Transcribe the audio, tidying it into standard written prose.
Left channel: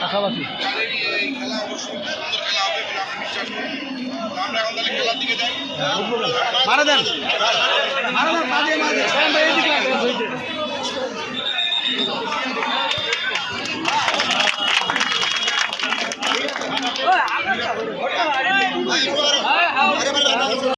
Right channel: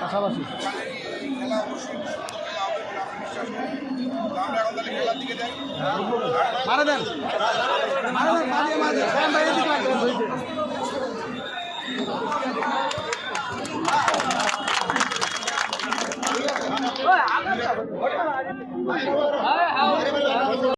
পাশাপাশি খেলা অবশ্যই সুন্দর খেলা হবে বলে আমরা বিশ্বাস করি। আমরা এখন তাহলে খেলার দিকে যাই।